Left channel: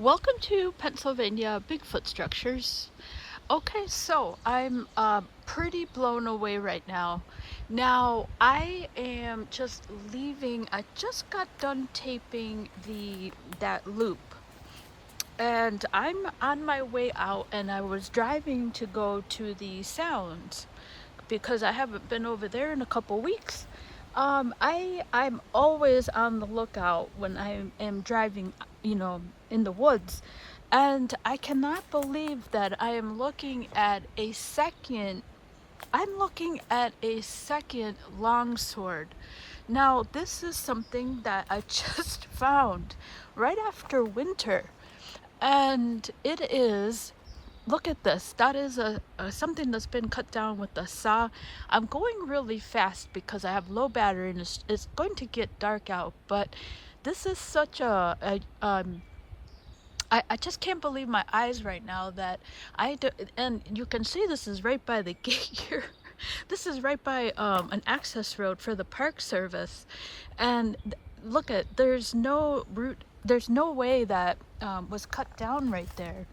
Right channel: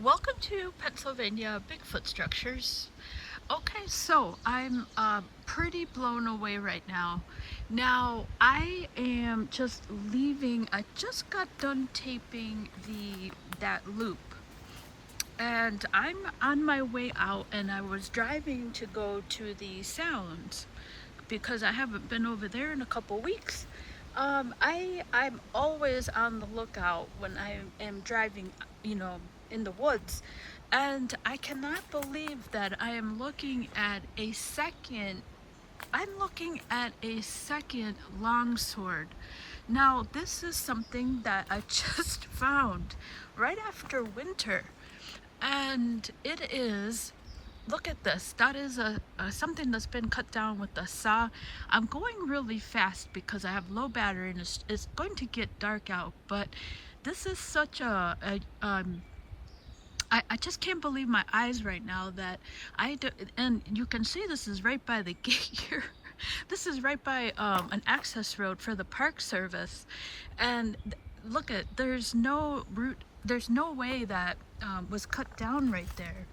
Welcome to Pennsylvania Bigfoot Structures. Okay, so I'm pretty blown away right now. Now I am just leaving. I just got done taping that loop, and I'm on my way out. And I was driving to go to the sounds because I haven't been over there in a couple weeks. I'm always on the lookout when I am driving, in the woods, and I cannot believe that I am looking at a second. I'm looking at a second longsword. Now, this is something that I just found right after winter, and it is. Look at this. That is something that's been cut down with a saw. I'm going really fast because I have low battery and it's going to get dark out. But this is such I just can't believe my eyes right now that and you can see this is right by the gate here. This is right by an access road for the Park Service. And look at, there's no route, there's no way that was cut down right there.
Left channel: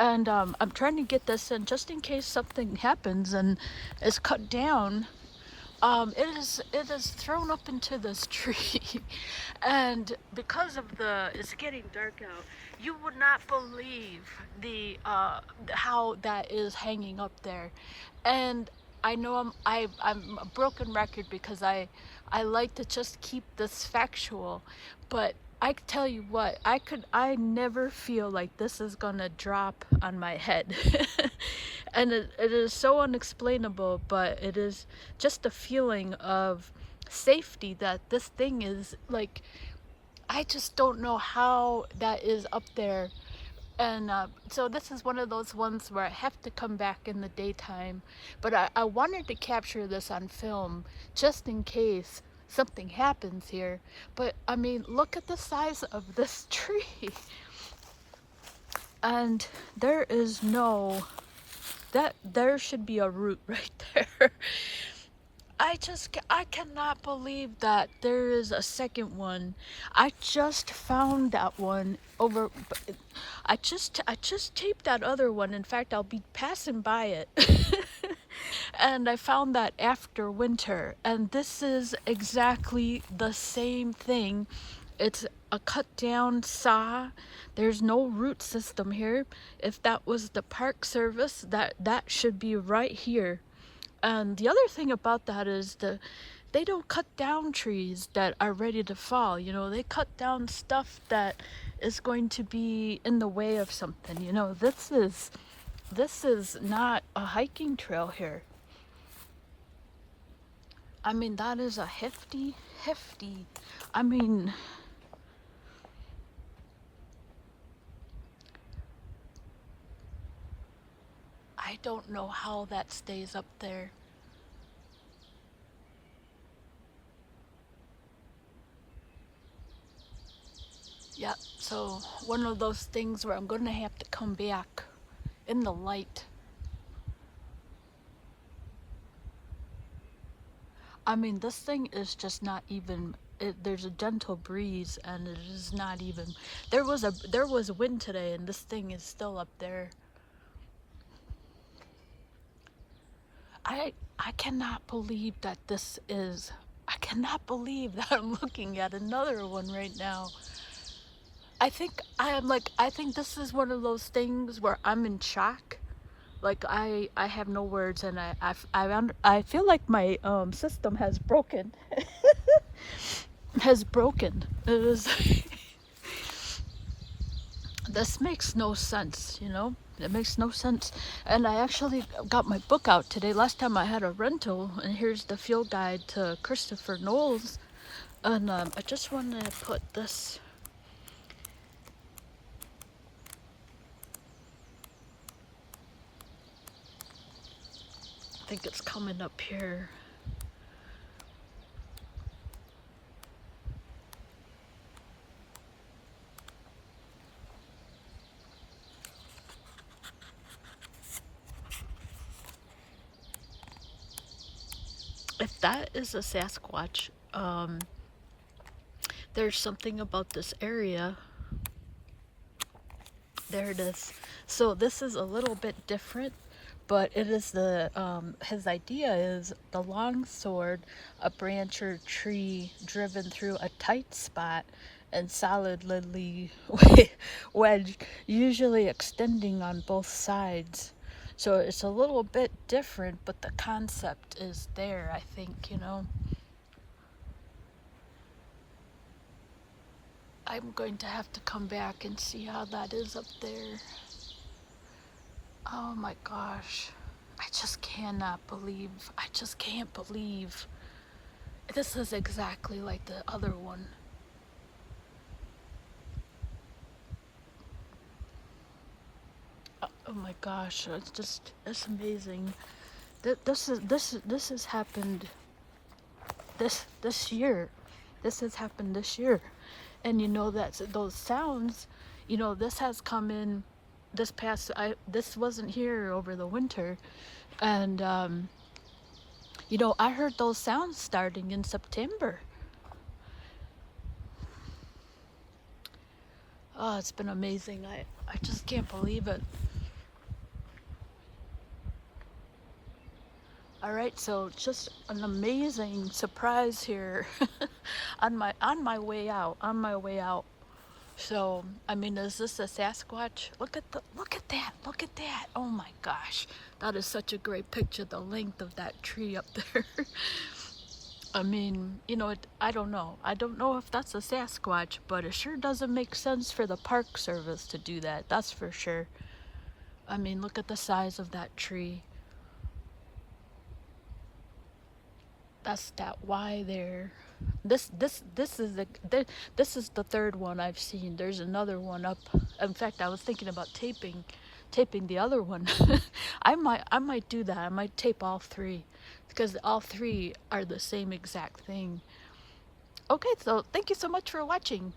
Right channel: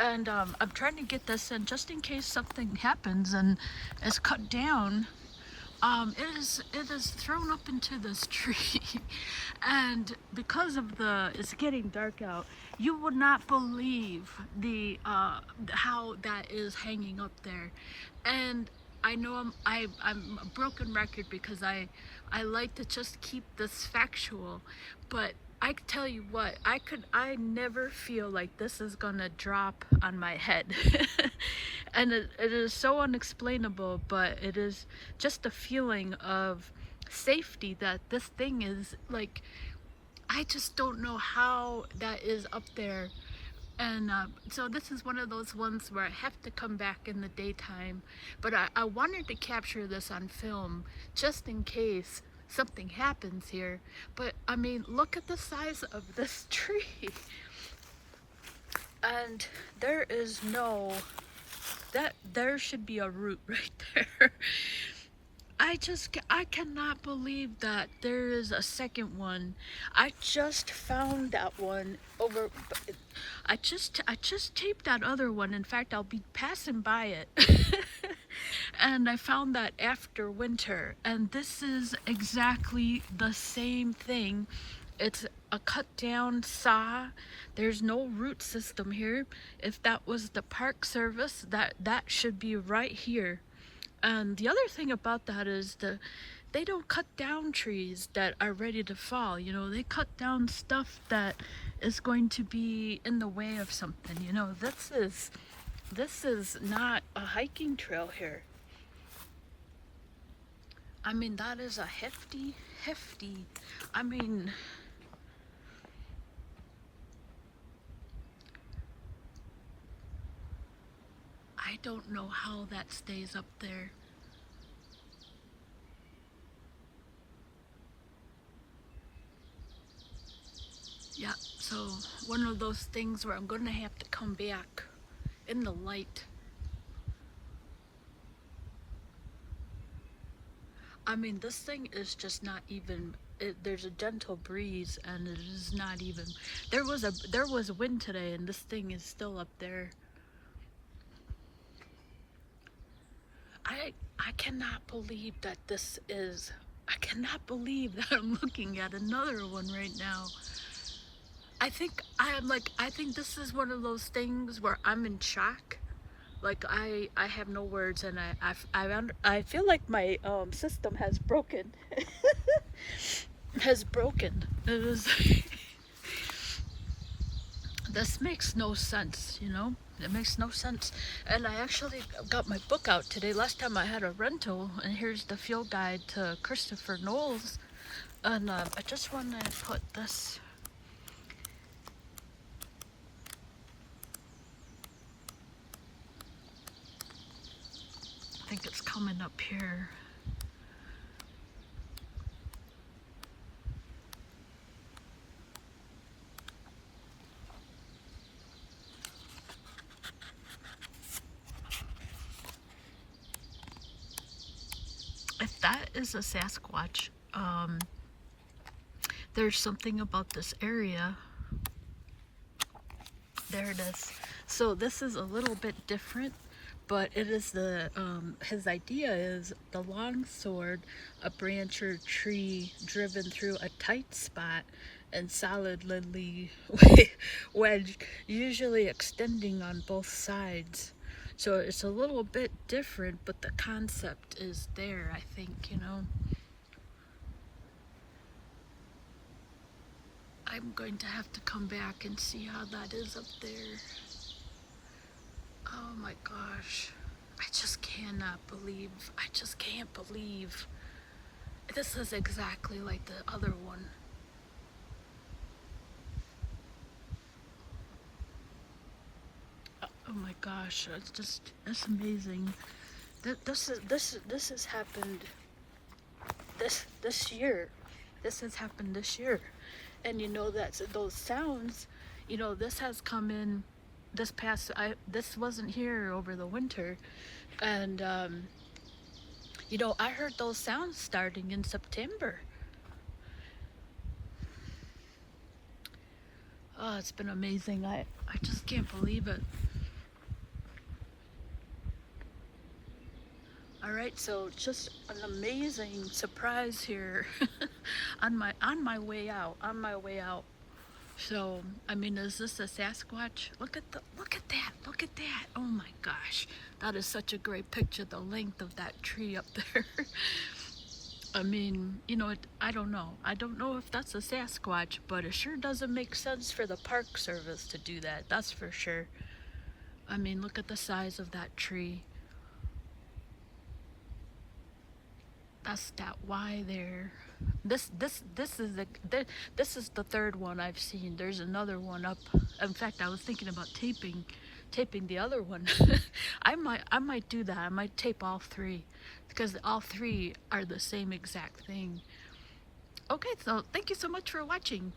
And I'm trying to get this in just in case something happens and it's cut down. It is thrown up into this tree, and because of it's getting dark out, you would not believe how that is hanging up there. And I know I'm a broken record because I like to just keep this factual, but I tell you what, I never feel like this is gonna drop on my head. And it is so unexplainable, but it is just a feeling of safety that this thing is like, I just don't know how that is up there. And so this is one of those ones where I have to come back in the daytime, but I wanted to capture this on film just in case something happens here. But I mean, look at the size of this tree. And there is there should be a root right there. I cannot believe that there is a second one. I just found that one over. I just taped that other one. In fact, I'll be passing by it. And I found that after winter, and this is exactly the same thing. It's a cut down saw. There's no root system here. If that was the Park Service, that should be right here. And the other thing about that is they don't cut down trees that are ready to fall. They cut down stuff that is going to be in the way of something. This is not a hiking trail here. I mean, that is a hefty, I mean, I don't know how that stays up there. Yeah, so one of those things where I'm gonna have to come back in the light. I mean, this thing is just not even, there's a gentle breeze and it is not even, there was wind today and this thing is still up there. I cannot believe that I cannot believe that I'm looking at another one right now. I think this is one of those things where I'm in shock. Like I have no words, and I feel like my system has broken. Has broken. It was this makes no sense, It makes no sense. And I actually got my book out today. Last time I had a rental, and here's the field guide to Christopher Knowles. And I just wanted to put this. I think it's coming up here. If that is a Sasquatch, there's something about this area There it is. So this is a little bit different, but it is the his idea is the long sword, a branch or tree driven through a tight spot and solidly wedged, usually extending on both sides. So it's a little bit different, but the concept is there, I think, you know. I'm going to have to come back and see how that is up there. Oh my gosh. I just cannot believe, I just can't believe. This is exactly like the other one. Oh my gosh, it's just, it's amazing. This has happened this year. This has happened this year. And you know that those sounds, you know, this has come in this past, this wasn't here over the winter. And you know, I heard those sounds starting in September. Oh, it's been amazing. I just can't believe it. All right, so just an amazing surprise here on my way out. On my way out. So, I mean, is this a Sasquatch? Look at that. Look at that. Oh my gosh. That is such a great picture, the length of that tree up there. I mean, you know, I don't know. I don't know if that's a Sasquatch, but it sure doesn't make sense for the Park Service to do that. That's for sure. I mean, look at the size of that tree. That's that Y there. This is the third one I've seen. There's another one up. In fact, I was thinking about taping the other one. I might do that. I might tape all three because all three are the same exact thing. Okay, so thank you so much for watching.